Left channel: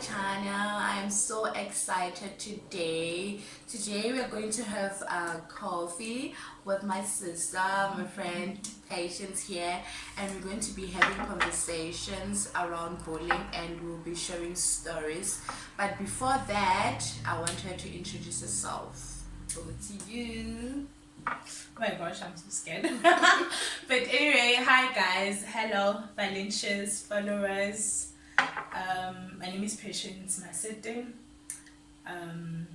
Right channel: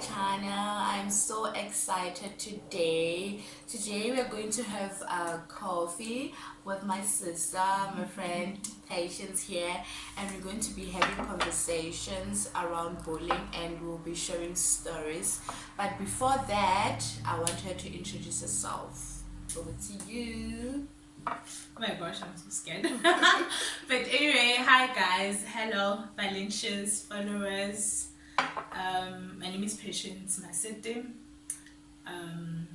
channel. I'm so excited today. Today we're going to have coffee with my sister, my friend Patience here, and we're going to be having conversations around bullying and we'll be sharing stories. But before that, I want her to introduce herself. Over to you. Oh my gosh, I'm so scared. But anyway, hi guys. Hello, Valencia's followers. My name is Patience Masete. I'm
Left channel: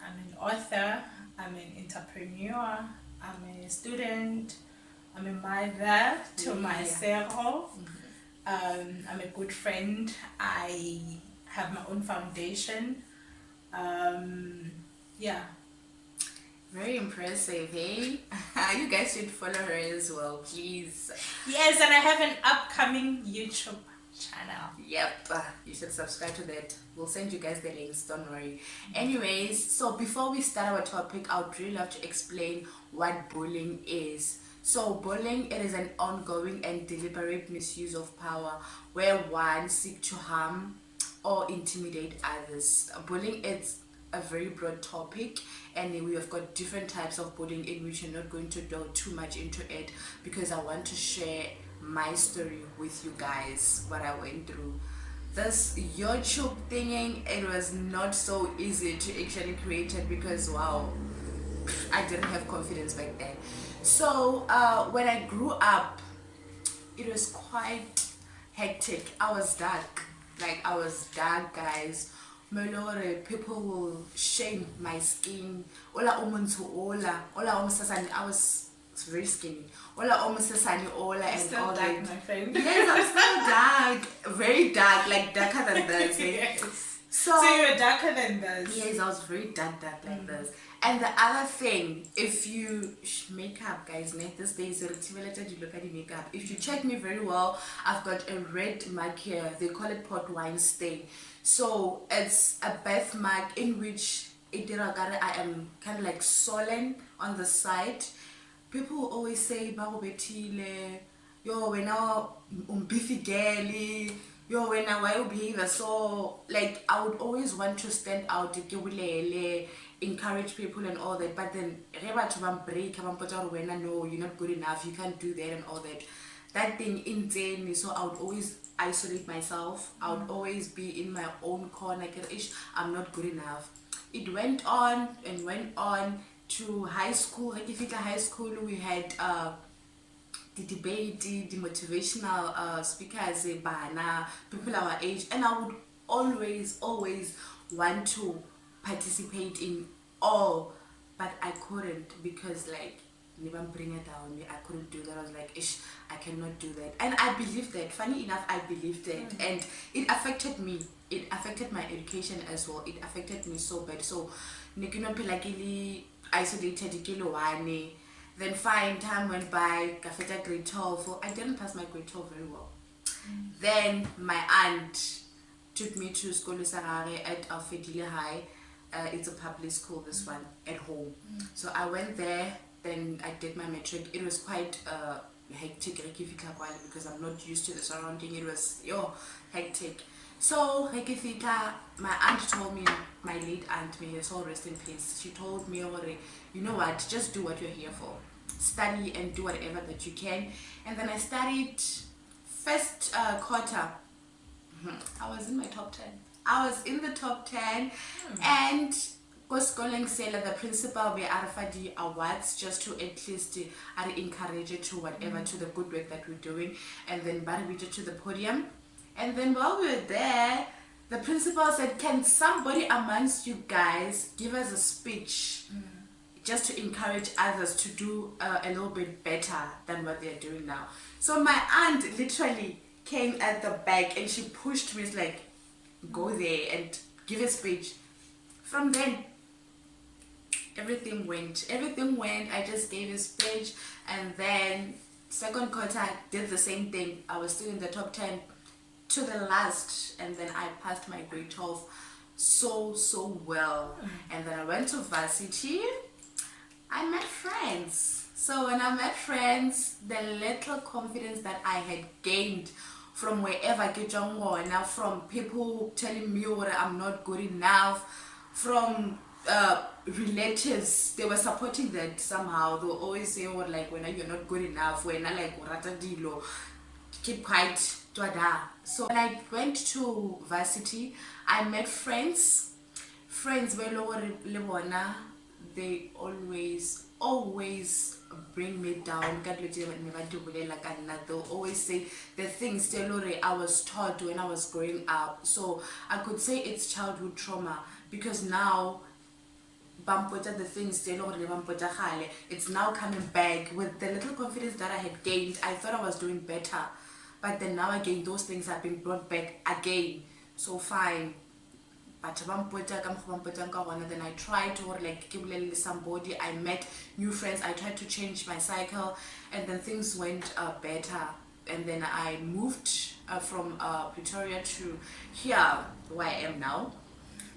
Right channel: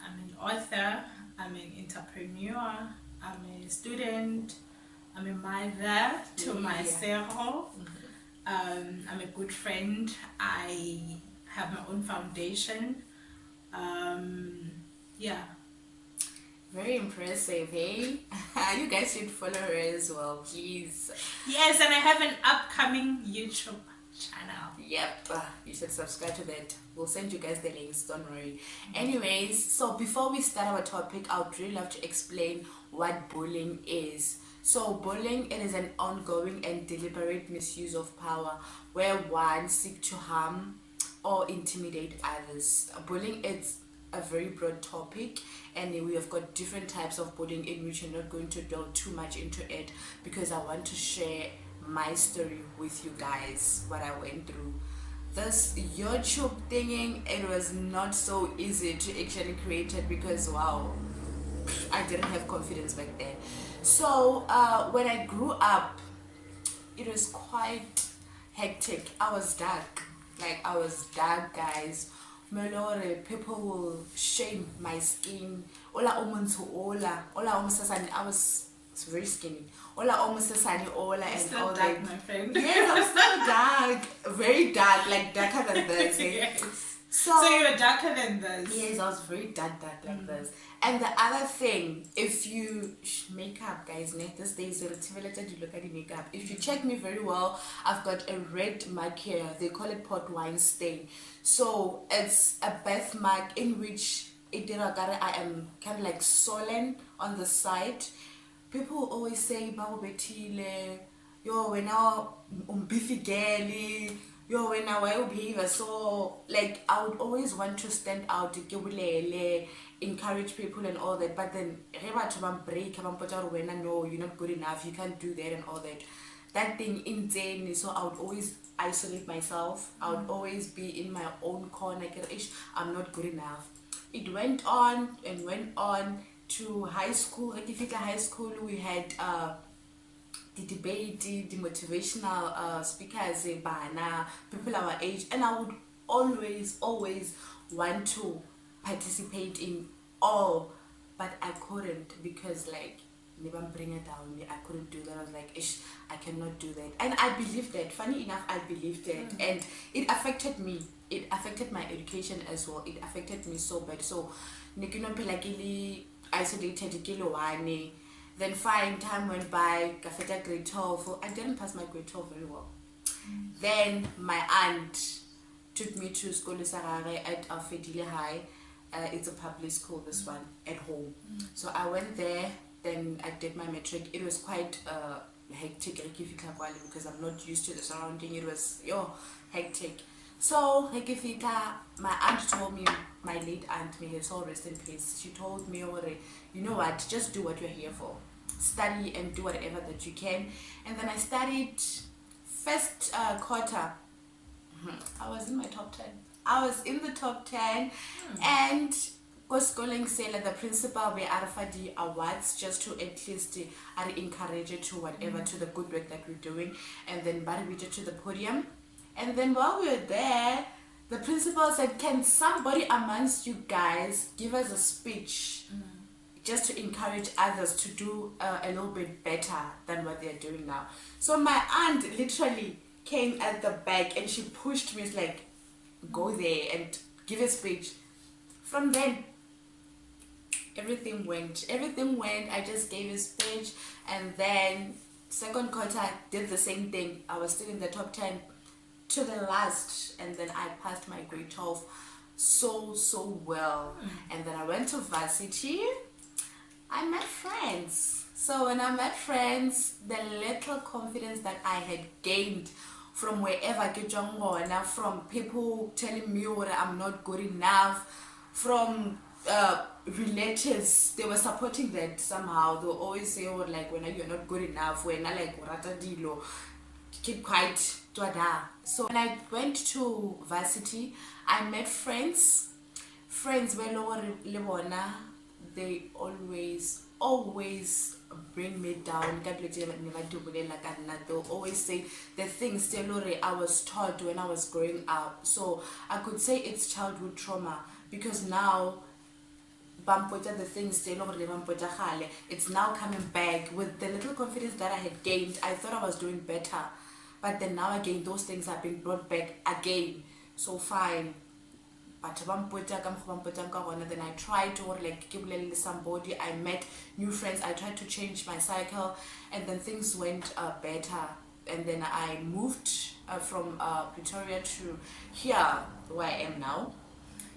an author, I'm an entrepreneur, I'm a student, I'm a mother to myself. I'm a good friend. I have my own foundation. Yeah. Very impressive, hey? You guys should follow her as well, please. Yes, and I have an upcoming YouTube channel. Yep, you should subscribe to that. We'll send you guys the links, don't worry. Anyways, so before we start our topic, I would really love to explain what bullying is. So bullying, it is an ongoing and deliberate misuse of power where one seeks to harm or intimidate others. Bullying is a very broad topic, and we have got different types of bullying in which I'm not going to delve too much into it because I want to share my story with you guys, what I went through. This YouTube thinging, it was not so easy to actually create it because wow, I didn't have confidence back then. So when I grew up, it was quite hectic. I was dark, guys. Melore, people will shame my skin. Ola omuntu omusasani. I was very skinny. Ola omusasani ola and Still all dark, that. my friend. Yes, I'm still dark, very dark, like darker than this. Yes. So you were darker than this. yes, I was very dark like this. And the other thing, if you makeup, guys, these days related to look at the makeup. If you check me very well, I've got a red mark here. They call it port wine stain. So it's a birthmark in which I am kind of like swollen on the side. People always say, "Babu betile, yo when now beefy girly, yo when now why you behave so." Like I would always want to stand out, encourage people and all that. But then no, you're not good enough. You can't do that and all that. That thing insane. So I would always isolate myself. I would always be in my own corner. I'm not good enough. It went on and went on to high school. Like if you high school, we had the debate, the motivational speakers, people our age, and I would always want to participate in all, but I couldn't because like never bring it down. I couldn't do that. I was like, ish, I cannot do that. And I believed that. Funny enough, I believed it, and it affected me. It affected my education as well. It affected me so bad. So, Nikino isolated then fine, time went by, Gafeta grade 12. I didn't pass my grade 12 very well. Then my aunt took me to school at Alfedile High. It's a public school, this one, at home. So I went there, then I did my matric. It was quite hectic because I'm not used to the surrounding. It was hectic. So my aunt told me, my late aunt, may her soul rest in peace, she told me, you know what, just do what you're here for. Study and do whatever that you can. And then I studied first quarter. I was in my top 10. I was in the top 10 and schooling the principal we the awards just to at least encourage it to whatever to the good work that we're doing, and then we did to the podium. And then while we were there, the principal said, can somebody amongst you guys give us a speech just to encourage others to do a little bit better than what they're doing now? So my aunt literally came at the back and she pushed me. It's like, go there and give a speech. From then, everything went. I just gave a speech, and then second quarter I did the same thing. I was still in the top 10 to the last, and then I passed my grade 12 so well. And then I went to varsity. I met friends. So when I met friends, the little confidence that I had gained from wherever ke tswang gona, from people telling me what I'm not good enough, from relatives. They were supporting that somehow. They'll always say, oh, like, when you're not good enough, when I like rata dilo, keep quiet, twada. So when I went to varsity, I met friends where they always bring me down. They'll always say the things that I was taught when I was growing up. So I could say it's childhood trauma, because now the things it's now coming back with the little confidence that I had gained. I thought I was doing better, but then now again those things have been brought back again. So fine, but then I tried to like give somebody, I met new friends, I tried to change my cycle, and then things went better. And then I moved from Pretoria to here where I am now.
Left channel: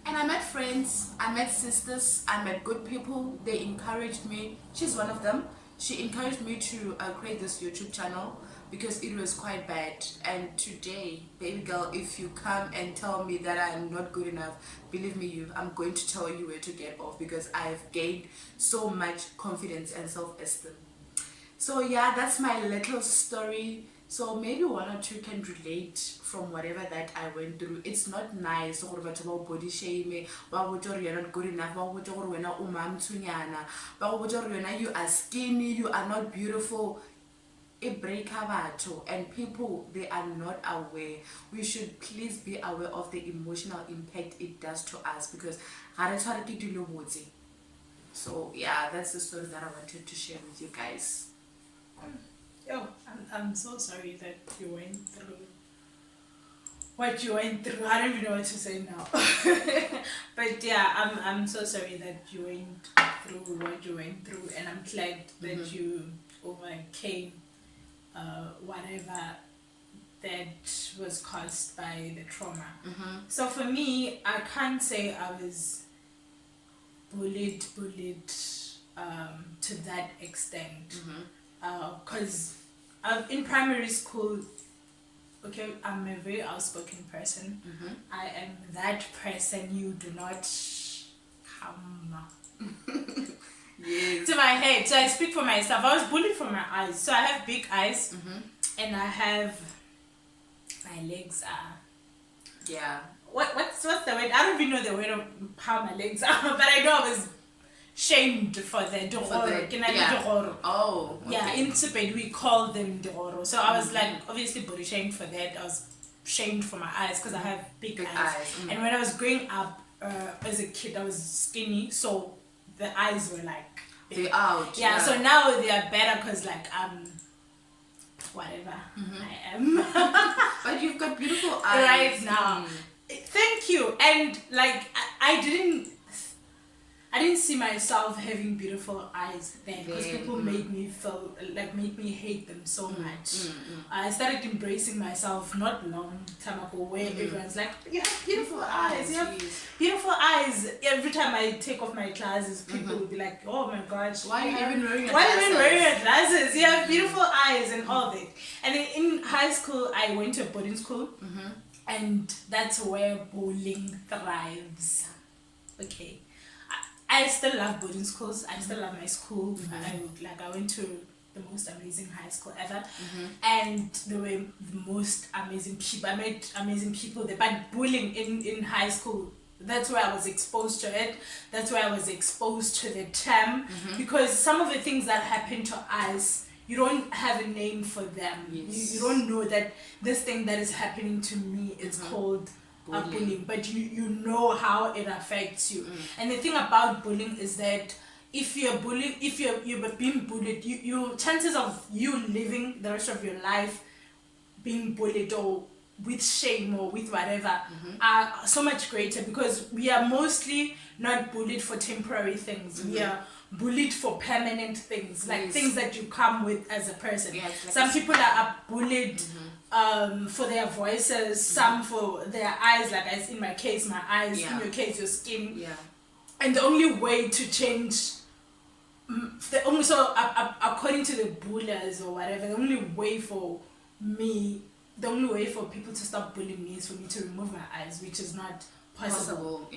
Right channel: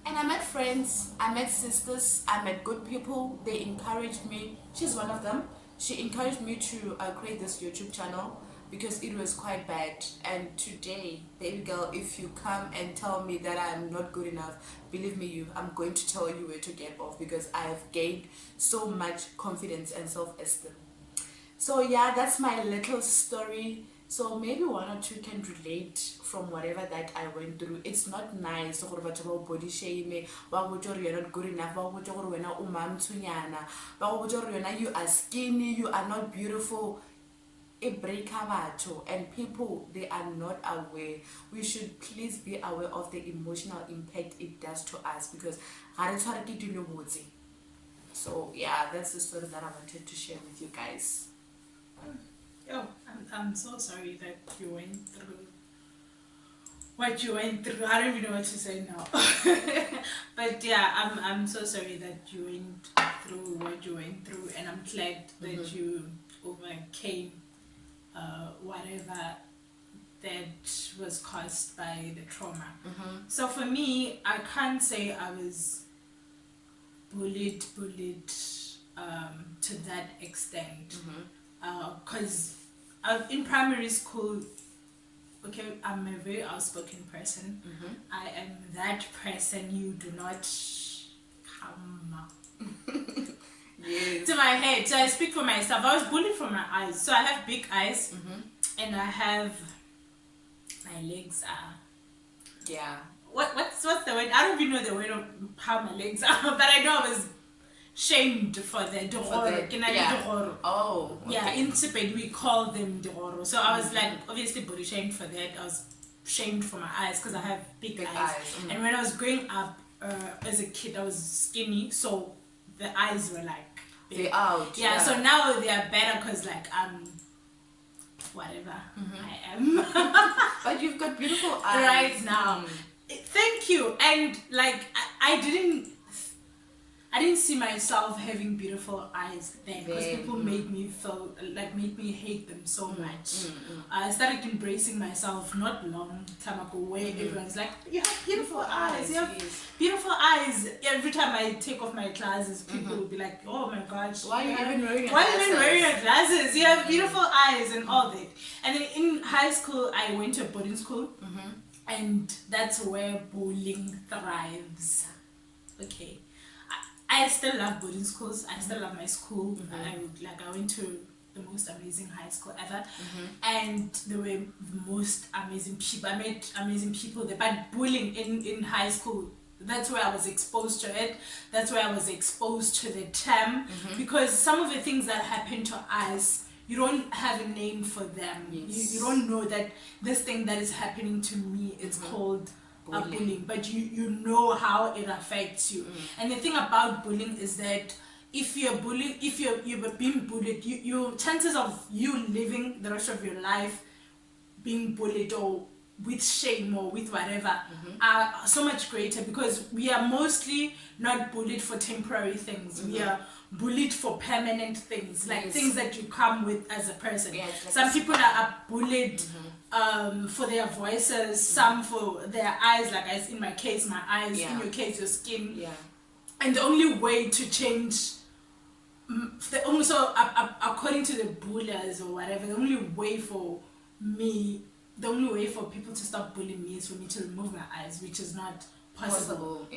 And I met friends, I met sisters, I met good people. They encouraged me. She's one of them. She encouraged me to create this YouTube channel because it was quite bad. And today, baby girl, if you come and tell me that I'm not good enough, believe me, I'm going to tell you where to get off, because I've gained so much confidence and self-esteem. So yeah, that's my little story. So maybe one or two can relate from whatever that I went through. It's not nice to body shame, you're not good enough, you are skinny, you are not beautiful. And people, they are not aware. We should please be aware of the emotional impact it does to us, because so yeah, that's the story that I wanted to share with you guys. Oh, I'm so sorry that you went through what you went through. I don't even know what to say now. But yeah, I'm so sorry that you went through what you went through, and I'm glad that you overcame whatever that was caused by the trauma. So for me, I can't say I was bullied to that extent. Because in primary school, okay, I'm a very outspoken person. I am that person you do not come Yes. to my head. So I speak for myself. I was bullied for my eyes. So I have big eyes, and I have, my legs are, Yeah. What's the word? I don't even know the word of how my legs are, but I know I was shamed for the dororo. Yeah. Oh, okay. Yeah, in Tibet we call them dororo. So I was like obviously body shamed for that. I was shamed for my eyes because I have big eyes. And when I was growing up as a kid, I was skinny, so the eyes were like they're out. Yeah, so now they are better because like whatever I am. But you've got beautiful eyes right now. Thank you. And like I didn't see myself having beautiful eyes then, because people made me hate them so much. I started embracing myself not long time ago, where everyone's like, you have beautiful eyes, you have beautiful eyes. Every time I take off my glasses, people will be like, oh my gosh, why are you even wearing your glasses? You have beautiful eyes and all that. And then in high school, I went to a boarding school, and that's where bullying thrives. Okay. I still love boarding schools. I still love my school. I went to the most amazing high school ever, and there were the most amazing people. I met amazing people there. But bullying in high school, that's where I was exposed to it. That's where I was exposed to the term, because some of the things that happen to us, you don't have a name for them. You don't know that this thing that is happening to me is called bullying, but you know how it affects you. And the thing about bullying is that if you're being bullied, you chances of you living the rest of your life being bullied or with shame or with whatever are so much greater, because we are mostly not bullied for temporary things. We are bullied for permanent things, like things that you come with as a person. Like some people are bullied for their voices, some for their eyes, like in my case, my eyes, in your case, your skin. And the only way to change, according to the bullies or whatever, the only way for me the only way for people to stop bullying me is for me to remove my eyes, which is not possible.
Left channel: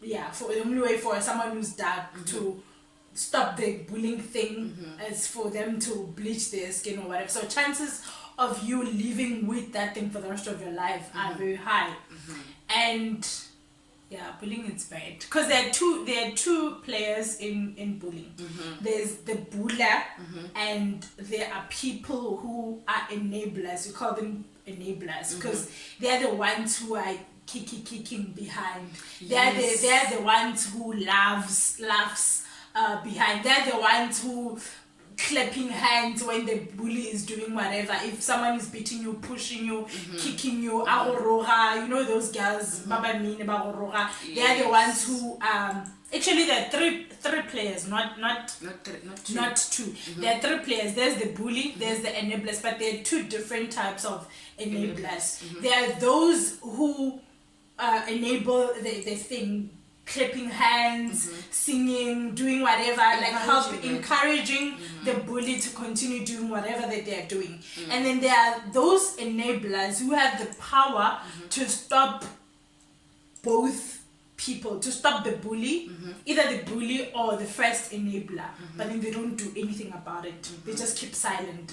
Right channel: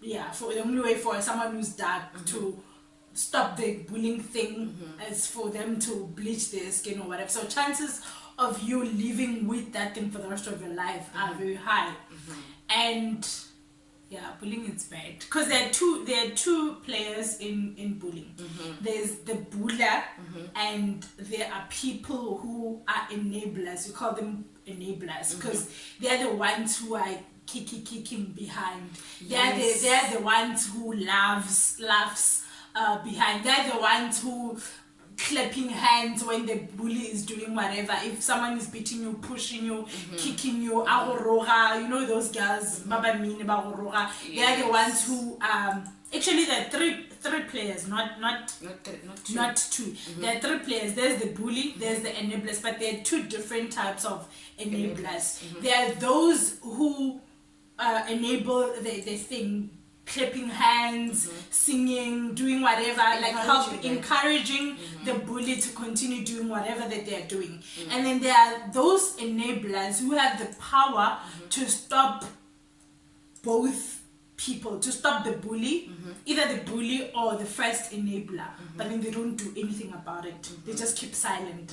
Yeah, for the only way for someone who's dark to stop the bullying thing is for them to bleach their skin or whatever. So chances of you living with that thing for the rest of your life are very high. And yeah, bullying is bad because there are two players in bullying. There's the buller, and there are people who are enablers. We call them enablers because they are the ones who are kicking behind. They are the ones who laughs behind. They're the ones who clapping hands when the bully is doing whatever. If someone is beating you, pushing you, kicking you, agoroga, you know those girls, baba mean agoroga. They're the ones who actually there are three players, not two. There are three players. There's the bully, there's the enablers, but there are two different types of enablers. There are those who enable the thing, clapping hands, singing, doing whatever, encouraging the bully to continue doing whatever that they are doing. And then there are those enablers who have the power to stop both people, to stop the bully, either the bully or the first enabler, but then they don't do anything about it. They just keep silent.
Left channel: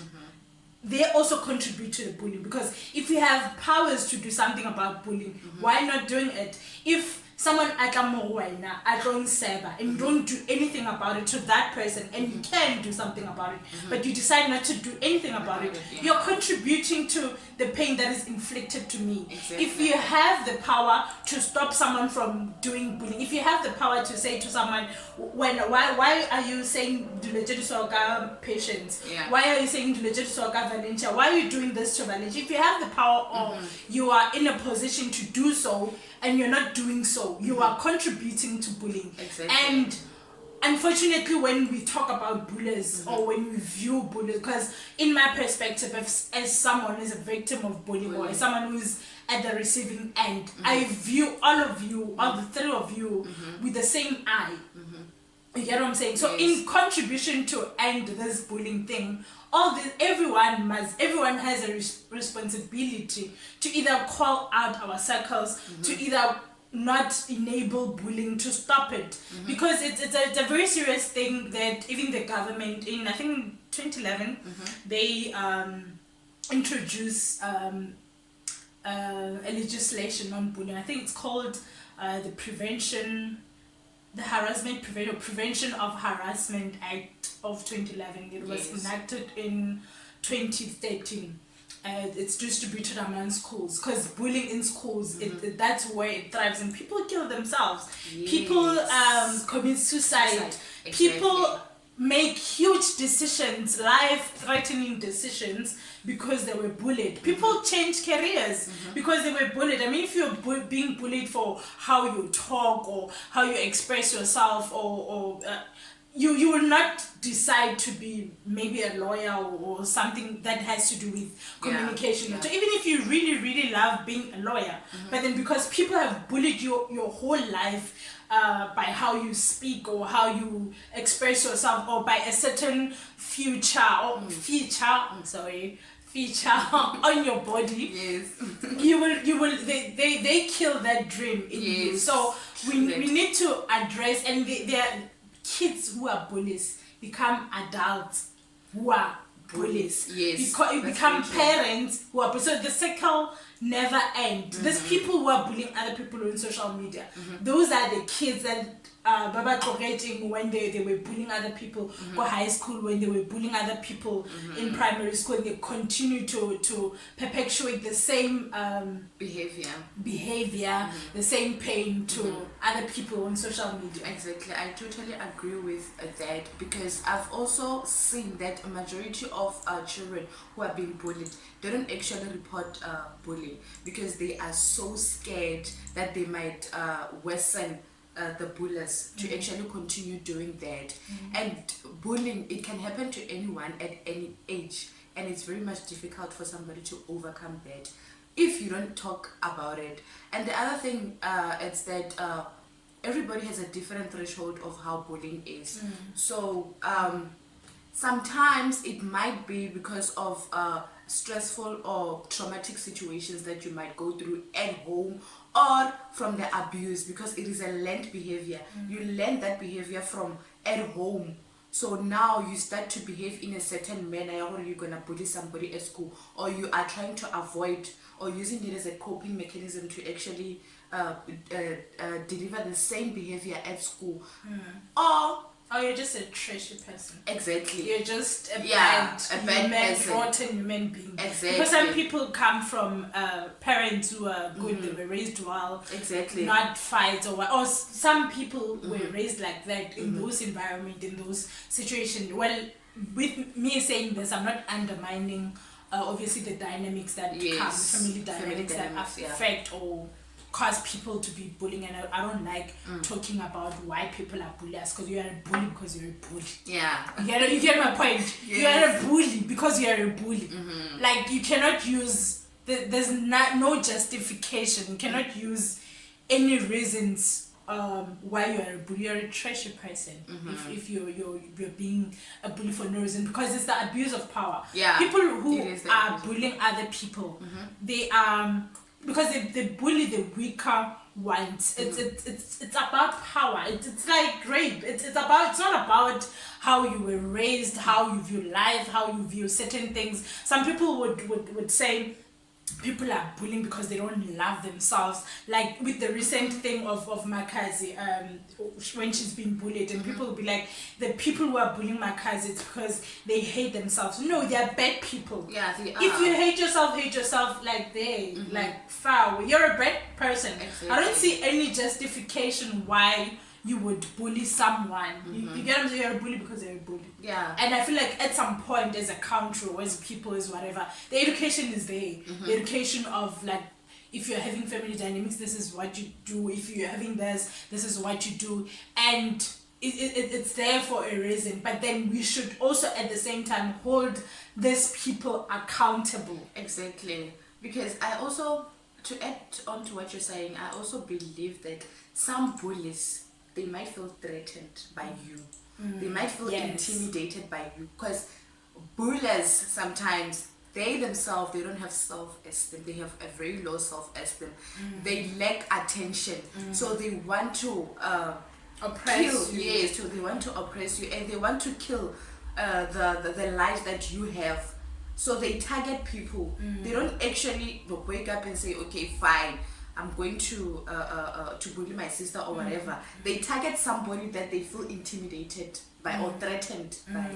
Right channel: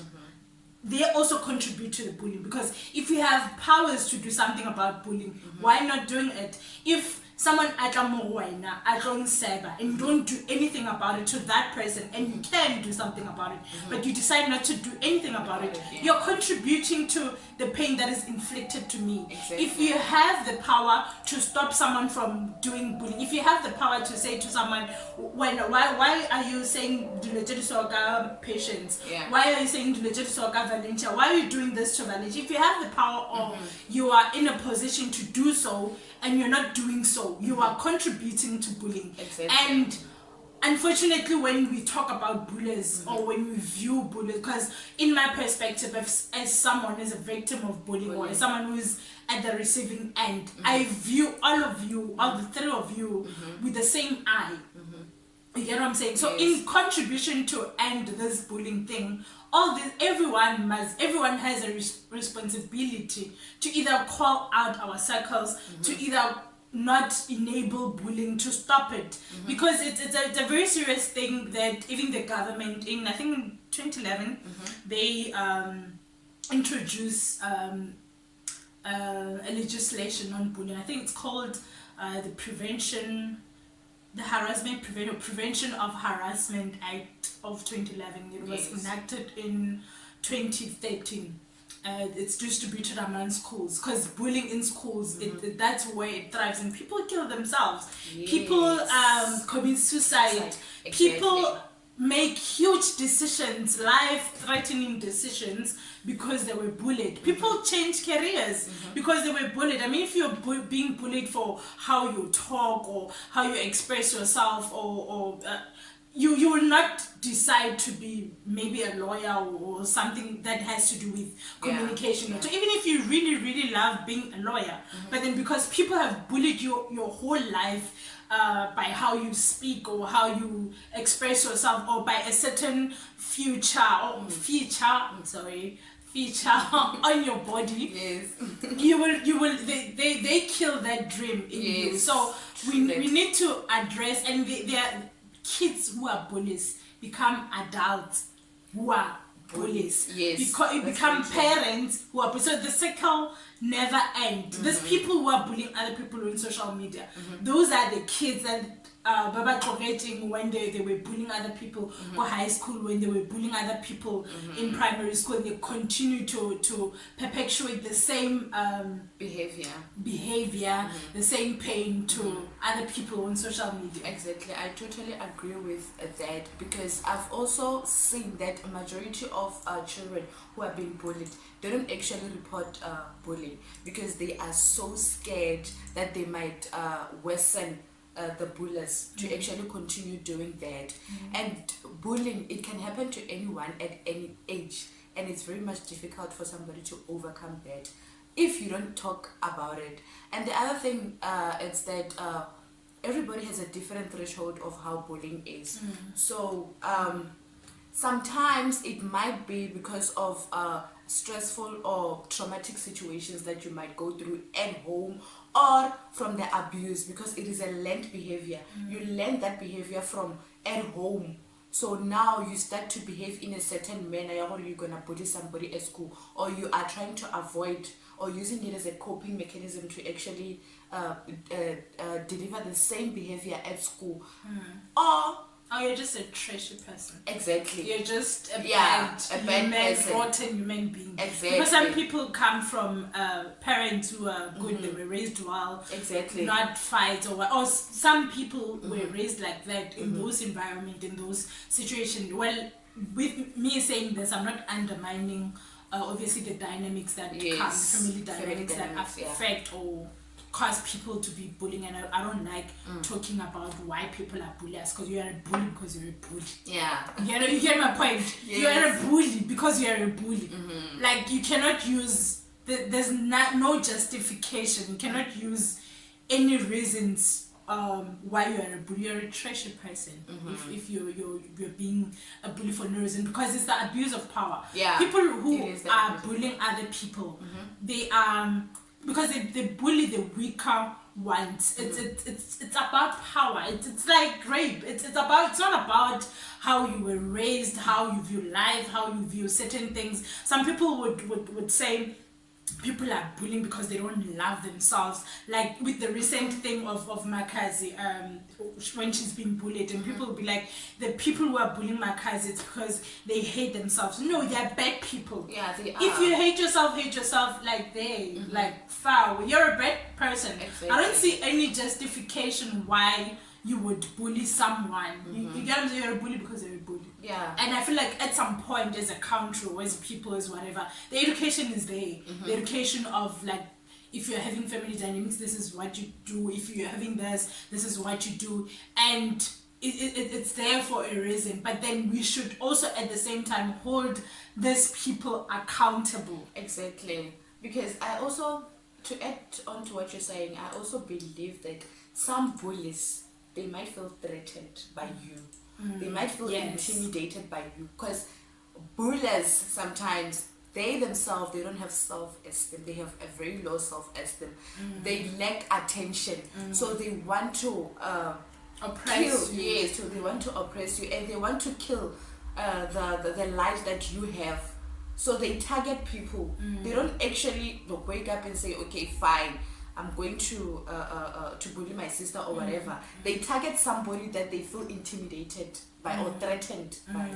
They also contribute to the bullying, because if you have powers to do something about bullying, why not doing it? If someone and you don't do anything about it to that person, and you can do something about it, but you decide not to do anything about it, you're contributing to the pain that is inflicted to me. Exactly. If you have the power to stop someone from doing bullying, if you have the power to say to someone, why are you saying patience? Why are you saying Valencia? Why are you doing this to Valencia? If you have the power, or you are in a position to do so, and you're not doing so, you are contributing to bullying. Exactly. And unfortunately, when we talk about bullies, or when we view bullies, because in my perspective, as someone who's a victim of bullying, or as someone who's at the receiving end, I view all of you, all the three of you, with the same eye. You get what I'm saying? So in contribution to end this bullying thing, everyone has a responsibility to either call out our circles, to either not enable bullying, to stop it, because it's a very serious thing that even the government in, I think, 2011 they introduced a legislation on bullying. I think it's called the Prevention of Harassment Act of 2011. It was enacted in 2013. It's distributed among schools, because bullying in schools, that's where it thrives, and people kill themselves. People commit suicide. Exactly. People make huge decisions, life-threatening decisions, because they were bullied. People change careers because they were bullied. I mean, if you're being bullied for how you talk or how you express yourself, or you will not decide to be maybe a lawyer or something that has to do with communication. So even if you really, really love being a lawyer, but then because people have bullied you your whole life, by how you speak or how you express yourself, or by a certain feature on your body, they kill that dream in you. So we need to address, and there are kids who are bullies become adults who are bullies. Because you become parents who are, so the cycle never ends. There's people who are bullying other people on social media. Those are the kids that Baba Koreting, when they were bullying other people, or high school, when they were bullying other people in primary school, and they continue to perpetuate the same behavior, the same pain to other people on social media. Exactly, I totally agree with that, because I've also seen that a majority of children who are being bullied, they don't actually report bullying, because they are so scared that they might worsen the bullies to actually continue doing that. And bullying, it can happen to anyone at any age, and it's very much difficult for somebody to overcome that if you don't talk about it. And the other thing is that everybody has a different threshold of how bullying is. So sometimes it might be because of stressful or traumatic situations that you might go through at home or from the abuse, because it is a learned behavior. You learn that behavior from at home. So now you start to behave in a certain manner, or you're gonna bully somebody at school, or you are trying to avoid or using it as a coping mechanism to actually deliver the same behavior at school. Or you're just a trashy person. Exactly. You're just a bad rotten human being. Exactly. Because some people come from parents who are good, they were raised well. Exactly. Not fights or what. Or some people were raised like that in those environments, in those situations. Well, with me saying this, I'm not undermining obviously the dynamics that come, family dynamics that affect or cause people to be bullying. And I don't like talking about why people are bullies, because you are a bully because you're a bully. Yeah. You get my point? Yes. You are a bully because you are a bully. Like, you cannot use there's no justification. You cannot use any reasons why you are a bully. You're a trashy person if you're being a bully for no reason, because it's the abuse of power. People who are bullying other people, they because they bully the weaker ones. It's about power. It's like rape. It's not about how you were raised, how you view life, how you view certain things. Some people would say people are bullying because they don't love themselves, like with the recent thing of Makazi, when she's being bullied, and people will be like, the people who are bullying Makazi, it's because they hate themselves. No, they are bad people. Yeah, they are. If you hate yourself like they like foul, you're a bad person. Exactly. I don't see any justification why you would bully someone. You get what I'm saying? You're a bully because you're a bully. Yeah. And I feel like at some point, as a country or as people, as whatever, the education is there. The education of, like, if you're having family dynamics, this is what you do. If you're having this is what you do. And it's there for a reason. But then we should also at the same time hold these people accountable. Exactly. Because I also, to add on to what you're saying, I also believe that some bullies, they might feel threatened by you. They might feel intimidated by you, because bullies sometimes, they themselves, they don't have self-esteem. They have a very low self-esteem. They lack attention, so they want to Oppress you. Yes, so they want to oppress you, and they want to kill the light that you have. So they target people. They don't actually wake up and say, okay, fine, I'm going to bully my sister or whatever. They target somebody that they feel intimidated by or threatened by.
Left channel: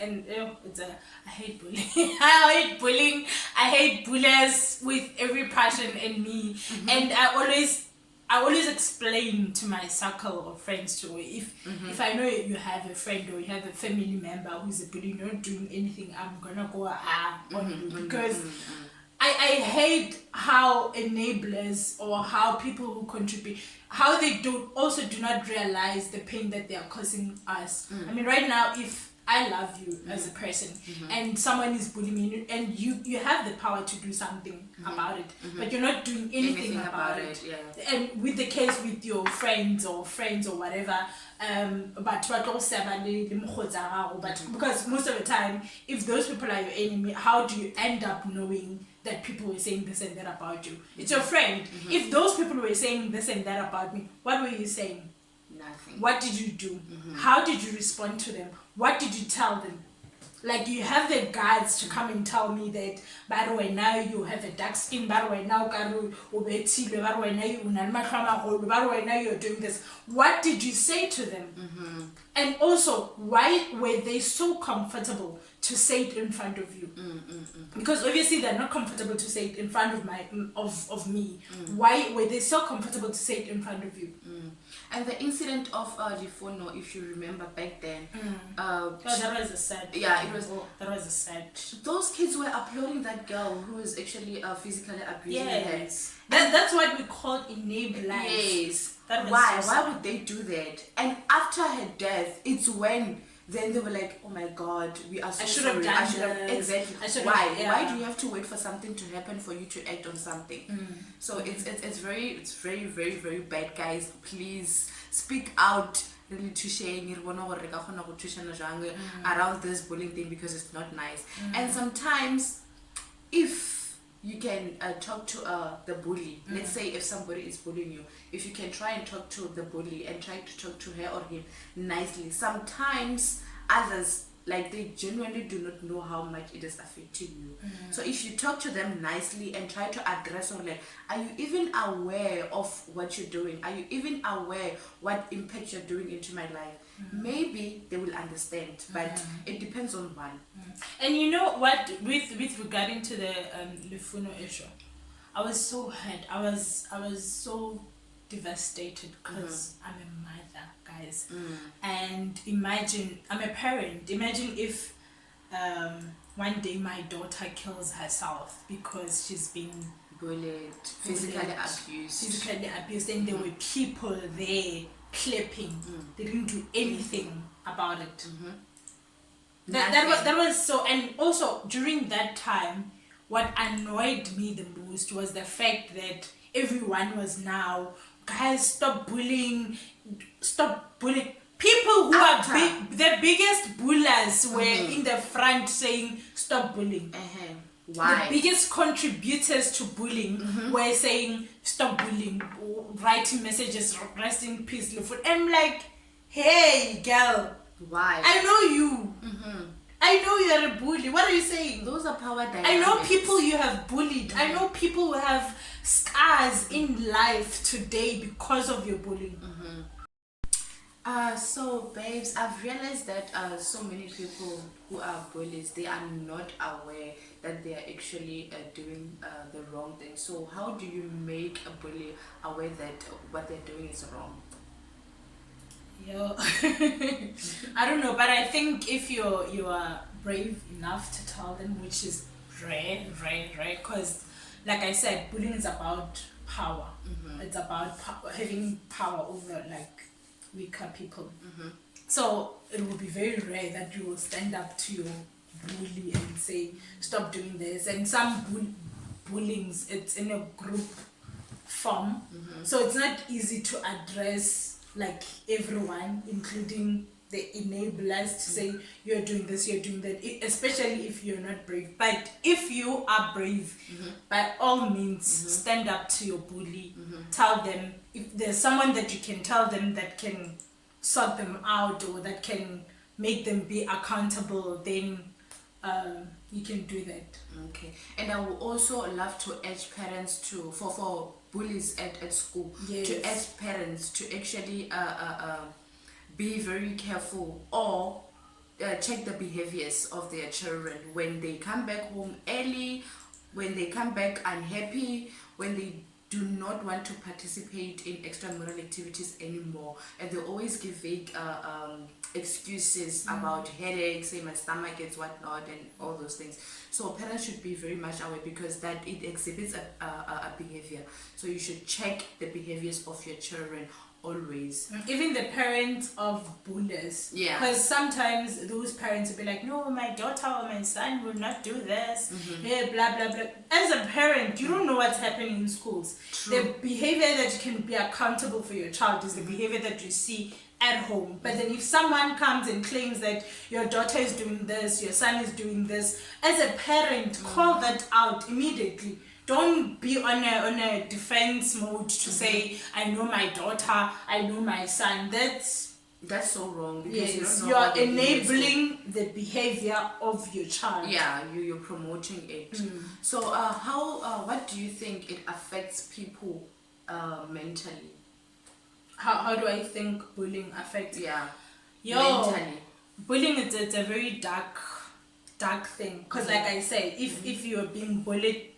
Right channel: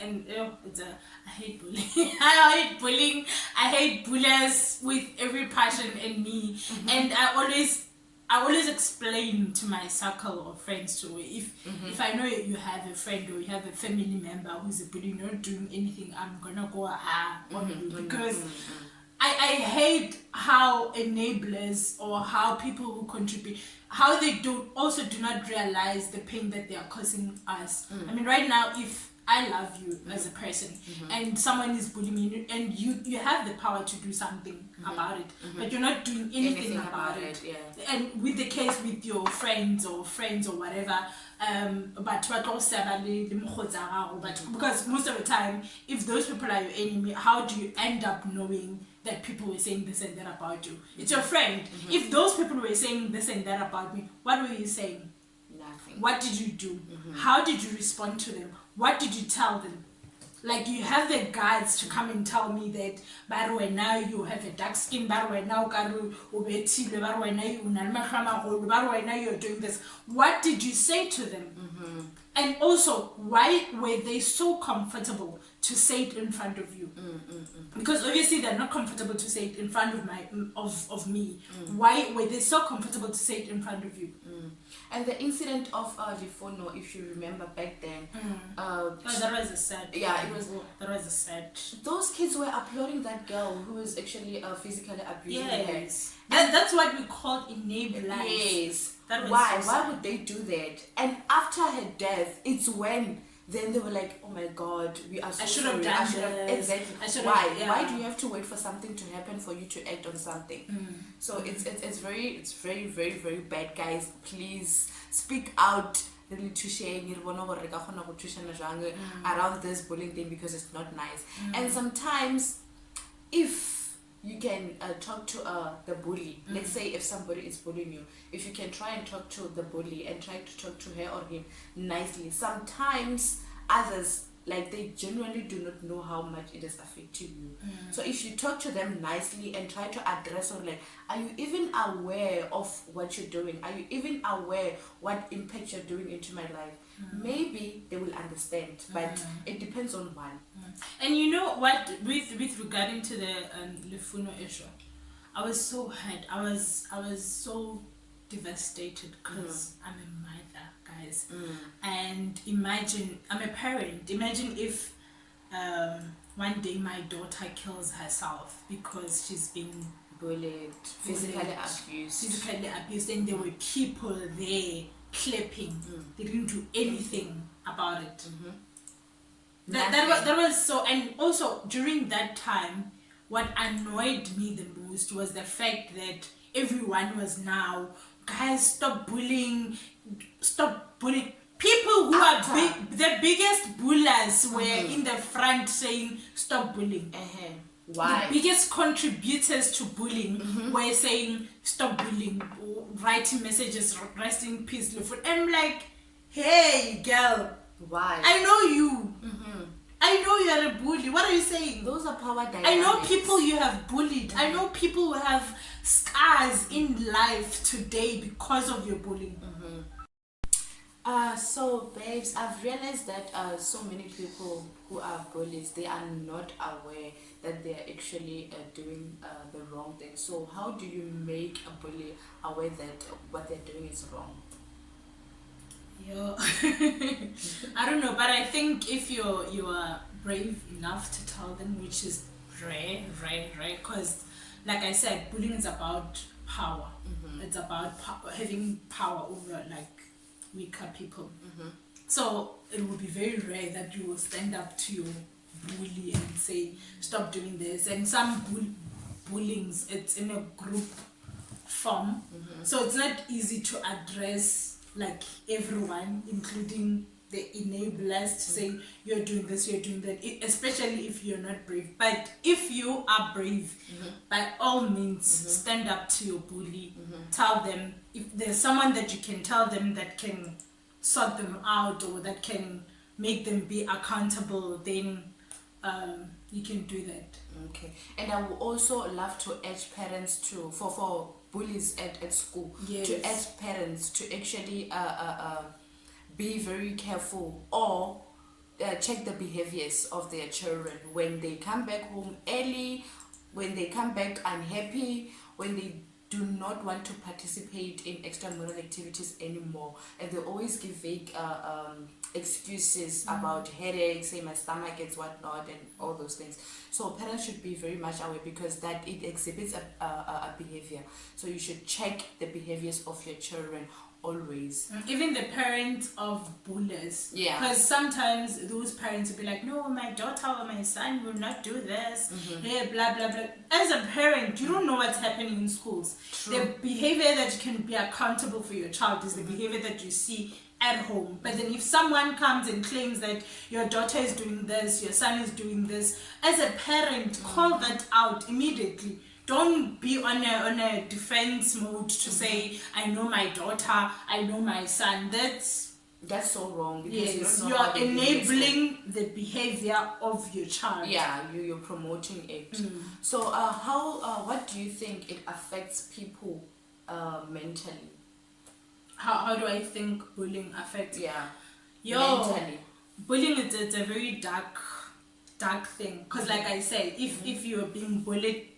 And I hate bullying. I hate bullying. I hate bullies with every passion in me. And I always explain to my circle of friends too, if I know you have a friend or you have a family member who's a bully, you're not doing anything, I'm gonna go on you, because I hate how enablers or how people who contribute, how they do not realize the pain that they are causing us. I mean, right now, if I love you as a person and someone is bullying me, and you have the power to do something about it, but you're not doing anything about it. Yeah. And with the case with your friends or whatever, but because most of the time, if those people are your enemy, how do you end up knowing that people were saying this and that about you? It's your friend. If those people were saying this and that about me, what were you saying? Nothing. What did you do? How did you respond to them? What did you tell them? Like, you have the guts to come and tell me that, by the way, now you have a dark skin, by the way, now you're doing this. What did you say to them? And also, why were they so comfortable to say it in front of you? Because obviously they're not comfortable to say it in front of me. Why were they so comfortable to say it in front of you? And the incident of Lifono, if you remember back then, that was a sad. Yeah, it was. That was a sad. Those kids were applauding that girl who was actually physically abusing her. That's what we call enablers. Yes. That was Why? so Why sad. would they do that? And after her death, it's when then they were like, oh my God, we are so I should sorry. have done this. Exactly. Why do you have to wait for something to happen for you to act on something? So it's very, very, very bad, guys. Please speak out around this bullying thing, because it's not nice. And sometimes if you can talk to the bully, let's say if somebody is bullying you, if you can try and talk to the bully and try to talk to her or him nicely, sometimes others, like, they genuinely do not know how much it is affecting you. So if you talk to them nicely and try to address, or like, are you even aware of what you're doing? Are you even aware what impact you're doing into my life? Maybe they will understand, but it depends on one. And you know what, with regarding to the Lefuno issue, I was so hurt. I was so devastated because I'm a mother, guys. And imagine, I'm a parent. Imagine if one day my daughter kills herself because she's been Bullied, physically abused, and there were people there clapping. They didn't do anything about it. That was so. And also during that time, what annoyed me the most was the fact that everyone was now, guys, stop bullying. People who are big, the biggest bullers were in the front saying stop bullying. Why? The biggest contributors to bullying were saying stop bullying, writing messages, rest in peace, Lefuno. I'm like, hey girl, why? I know you. I know you are a bully. What are you saying? Those are power dynamics. I know people you have bullied. I know people who have scars in life today because of your bullying. So babes, I've realized that so many people who are bullies, they are not aware that they are actually doing the wrong thing. So how do you make a bully aware that what they're doing is wrong? Yo, I don't know, but I think if you are brave enough to tell them, which is rare, because like I said, bullying is about power. It's about having power over like weaker people. So it will be very rare that you will stand up to your bully and say stop doing this. And some bullyings, it's in a group form, so it's not easy to address like everyone, including the enablers, to say you're doing this, you're doing that, especially if you're not brave. But if you are brave, by all means, stand up to your bully. Tell them, if there's someone that you can tell them that can sort them out or that can make them be accountable, then you can do that. Okay. And I would also love to urge parents to, for bullies at school, to urge parents to actually be very careful, or check the behaviors of their children when they come back home early, when they come back unhappy, when they do not want to participate in extramural activities anymore, and they always give vague excuses about headaches, say my stomach gets whatnot, and all those things. So parents should be very much aware, because that it exhibits a behavior. So you should check the behaviors of your children always. Even the parents of bullies, because sometimes those parents will be like, no, my daughter or my son will not do this, blah blah blah. As a parent, you don't know what's happening in schools. The behavior that you can be accountable for your child is the behavior that you see at home. But then if someone comes and claims that your daughter is doing this, your son is doing this, as a parent, call that out immediately. Don't be on a defense mode to say, I know my daughter, I know my son. That's so wrong, because you are enabling the behavior of your child. Yeah, you're promoting it. So what do you think it affects people mentally? How do I think bullying affects? Mentally. Bullying it's a very dark thing, because like I said, if you're being bullied,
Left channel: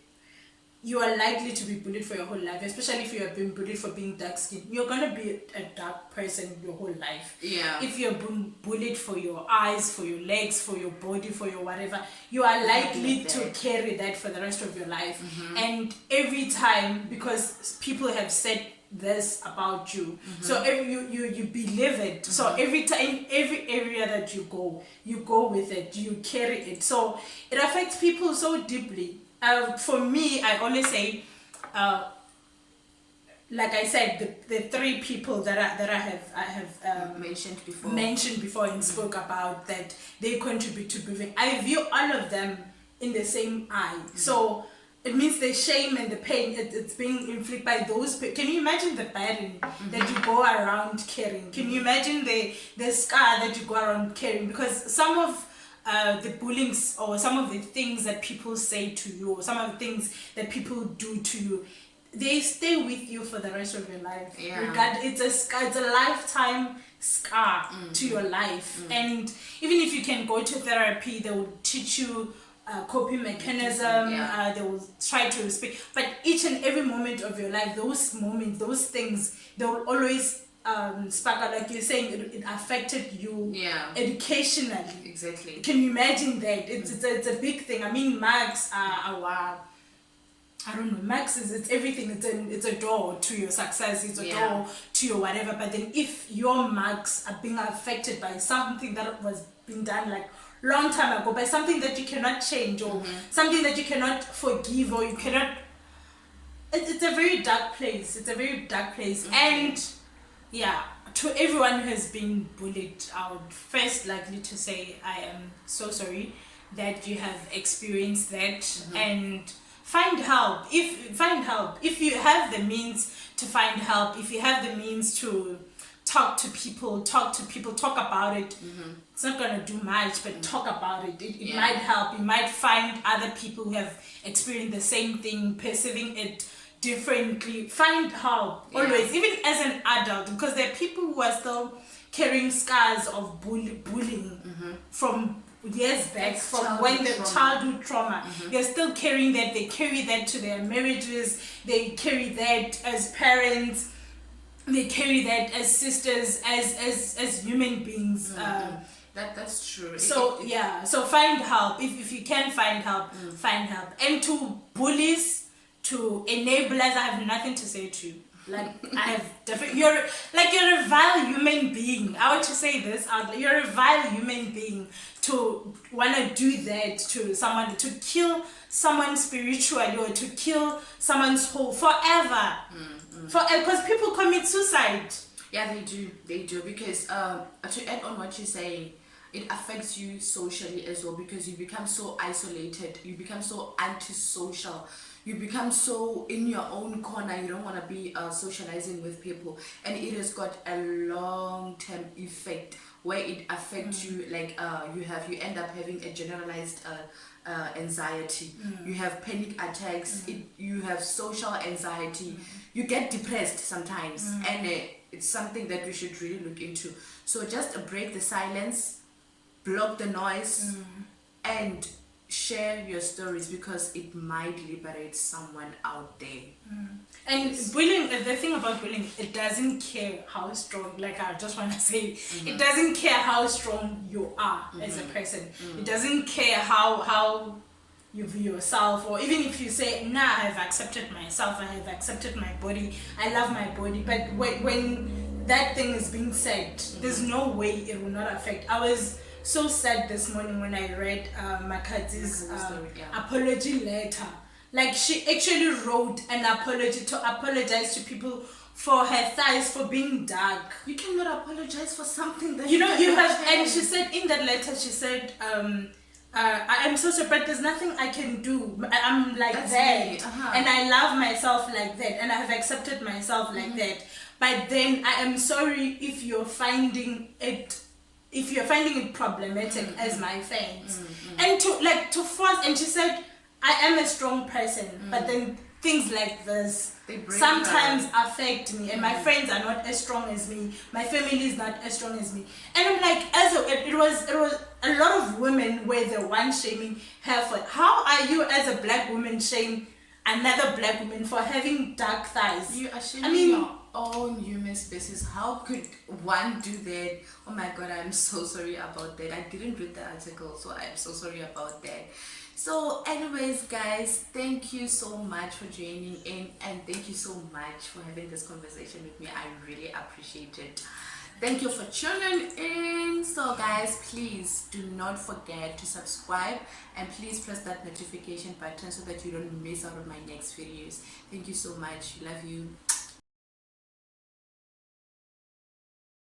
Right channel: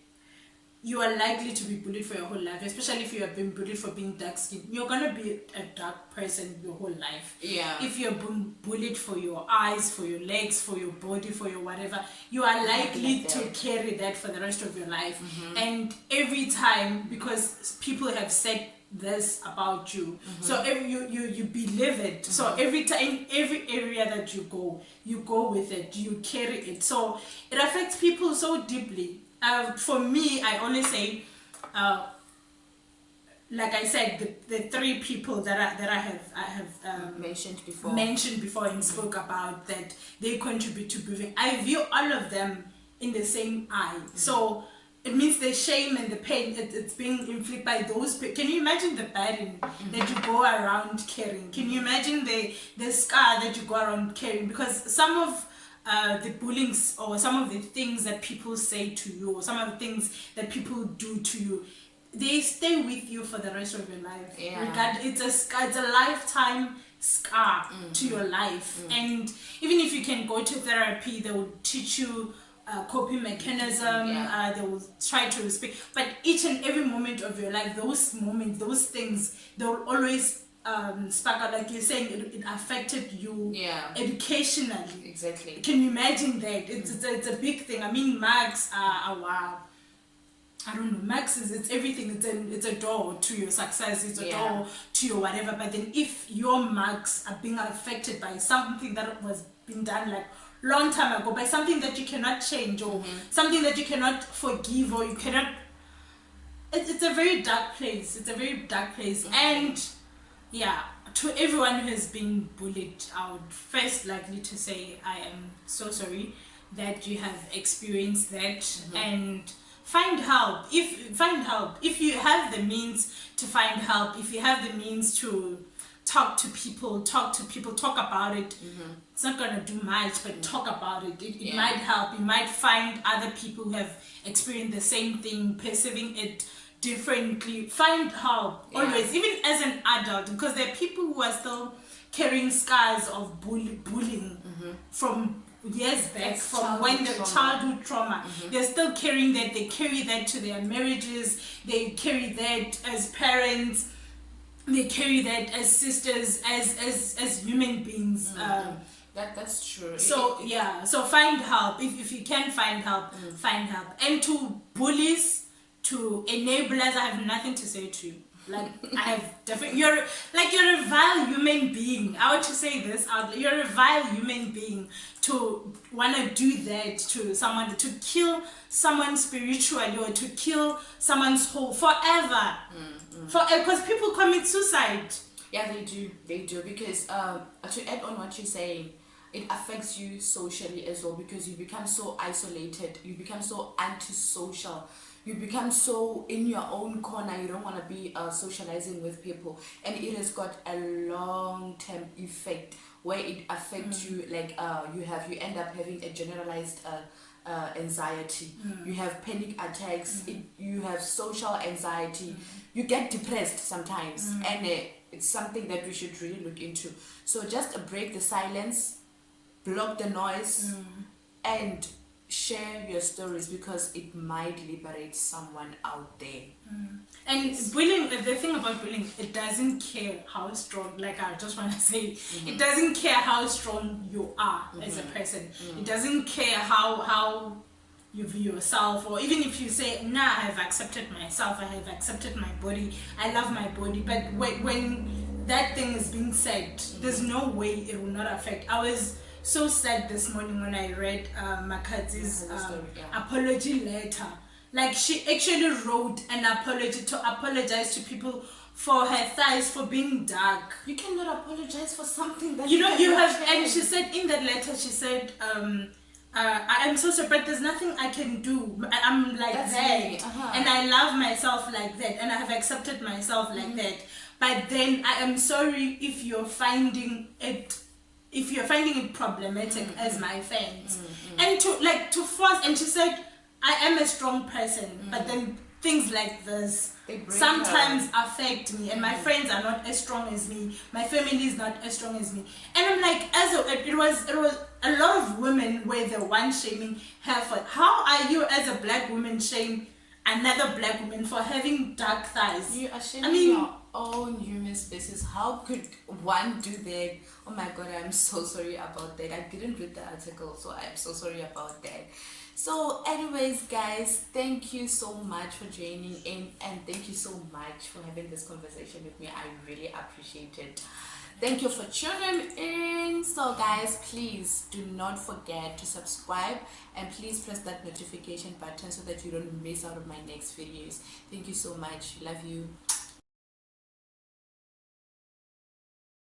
you are likely to be bullied for your whole life, especially if you have been bullied for being dark skinned. You're gonna be a dark person your whole life. If you're being bullied for your eyes, for your legs, for your body, for your whatever, you are likely to carry that for the rest of your life. And every time, because people have said this about you, so you believe it. So every time, every area that you go with it, you carry it. So it affects people so deeply. For me, I always say, like I said, the three people that I have mentioned before and spoke about, that they contribute to bullying. I view all of them in the same eye. So it means the shame and the pain, it's being inflicted by those. Can you imagine the burden that you go around carrying? Can you imagine the scar that you go around carrying? Because some of the bullying or some of the things that people say to you, or some of the things that people do to you, they stay with you for the rest of your life. It's a scar, it's a lifetime scar to your life. And even if you can go to therapy, they will teach you coping mechanism. They will try to speak, but each and every moment of your life, those moments, those things, they will always spark out. Like you're saying, it affected you educationally. Exactly. Can you imagine that? It's a big thing. I mean, marks are wow. I don't know, marks it's everything. It's a door to your success. It's a door to your whatever. But then if your marks are being affected by something that was being done like long time ago, by something that you cannot change, or something that you cannot forgive, or you cannot, it's a very dark place. It's a very dark place. And to everyone who has been bullied, I would first likely to say I am so sorry that you have experienced that. And find help. If you have the means to find help, if you have the means to talk to people, talk about it. It's not going to do much, but talk about it. It might help. You might find other people who have experienced the same thing, perceiving it differently. Find help, always, even as an adult, because there are people who are still carrying scars of bullying from years back, from when the childhood trauma. They're still carrying that. They carry that to their marriages. They carry that as parents. They carry that as sisters, as human beings. That's true. So so find help. If you can find help, find help. And to bullies, to enablers, I have nothing to say to you. Like I have you're a vile human being. I want to say this out. You're a vile human being to want to do that to someone, to kill someone spiritually, or to kill someone's whole forever. Because people commit suicide. Yeah, they do because to add on what you're saying, it affects you socially as well, because you become so isolated, you become so antisocial, you become so in your own corner. You don't want to be socializing with people, and it has got a long-term effect where it affects you. Like you end up having a generalized anxiety. You have panic attacks. You have social anxiety. You get depressed sometimes, and it's something that we should really look into. So just break the silence, block the noise, and share your stories, because it might liberate someone out there. And bullying, the thing about bullying, it doesn't care how strong, like I just want to say, it doesn't care how strong you are as a person. It doesn't care how you view yourself, or even if you say, nah, I have accepted myself, I have accepted my body, I love my body. But when that thing is being said, there's no way it will not affect. I was so sad this morning when I read Makazi's apology letter. Like, she actually wrote an apology to apologize to people for her thighs for being dark. You cannot apologize for something that you have. And she said in that letter, she said, I am so sorry, but there's nothing I can do. I'm like that's that, and I love myself like that, and I have accepted myself like that. But then I am sorry if you're finding it problematic as my fans, and to force. And she said, I am a strong person, but then things like this sometimes affect me, and my friends are not as strong as me, my family is not as strong as me. And I'm like, it was a lot of women were the one shaming her for. How are you as a black woman shame another black woman for having dark thighs? You are shaming your own human species. How could one do that? Oh my god, I'm so sorry about that. I didn't read the article, so I'm so sorry about that. So anyways, guys, thank you so much for joining in, and thank you so much for having this conversation with me. I really appreciate it. Thank you for tuning in. So guys, please do not forget to subscribe, and please press that notification button so that you don't miss out on my next videos. Thank you so much. Love you.